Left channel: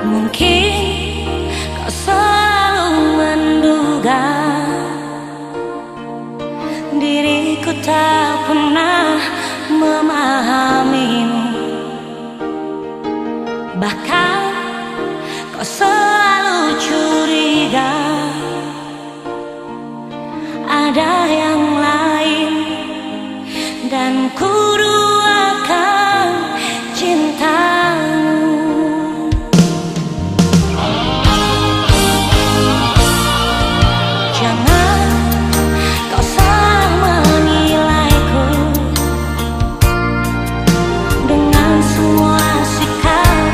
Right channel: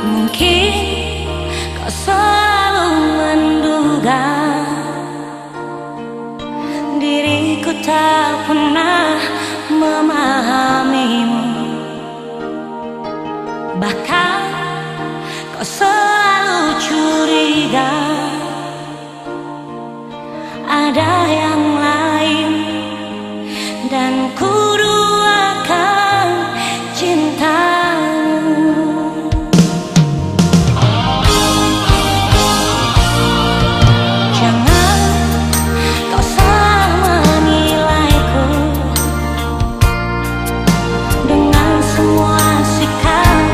Mungkin kau selalu menduga diriku tak pernah memahamimu. Bahkan kau selalu curiga ada yang lain, dan ku duakan cintamu. Jangan kau salah menilaiku dengan semua sikap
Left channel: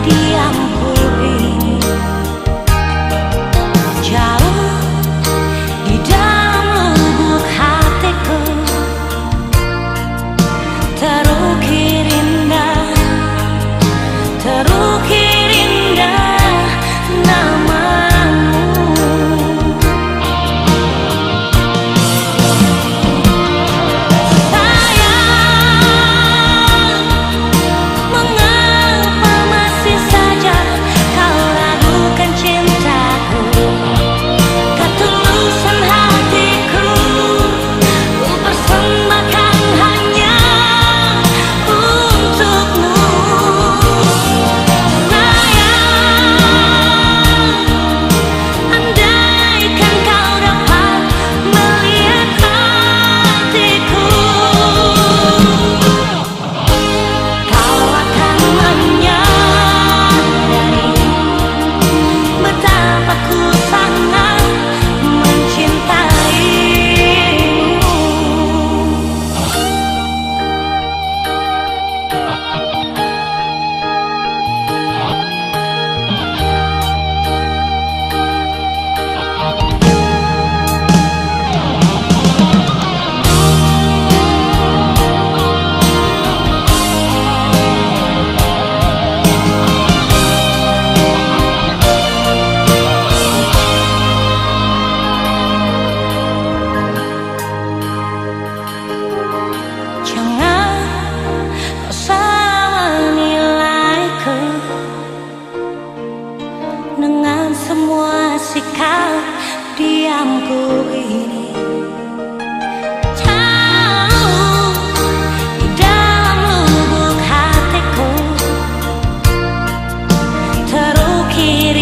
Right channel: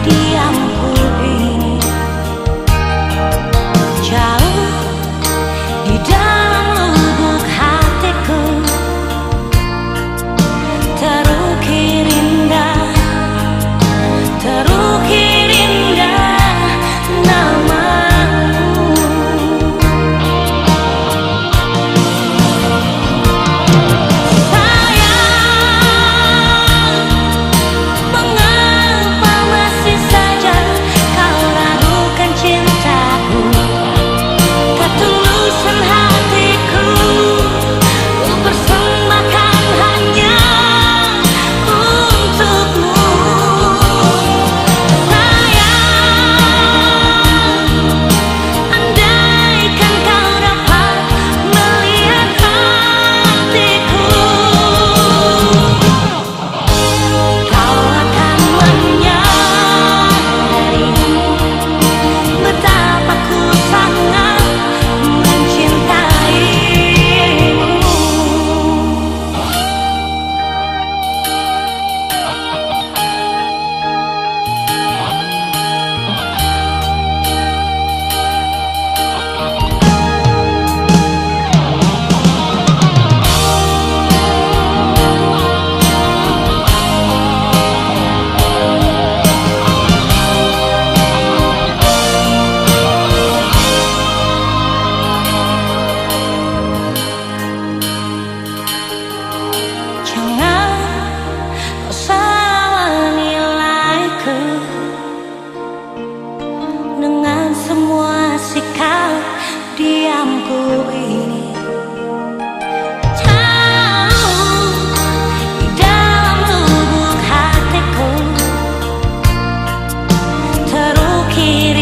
diamku ini. Jauh di dalam lubuk hatiku terukir indah, terukir indah namamu. Sayang, mengapa masih saja kau ragukan cintaku? Ketulusan hatiku ku persembahkan hanya untukmu. Sayang, andaikan kau dapat melihat hatiku, kau akan menyadari betapa ku sangat mencintaimu. Jangan kau salah menilaiku dengan semua sikap diamku ini. Jauh di dalam lubuk hatiku terukir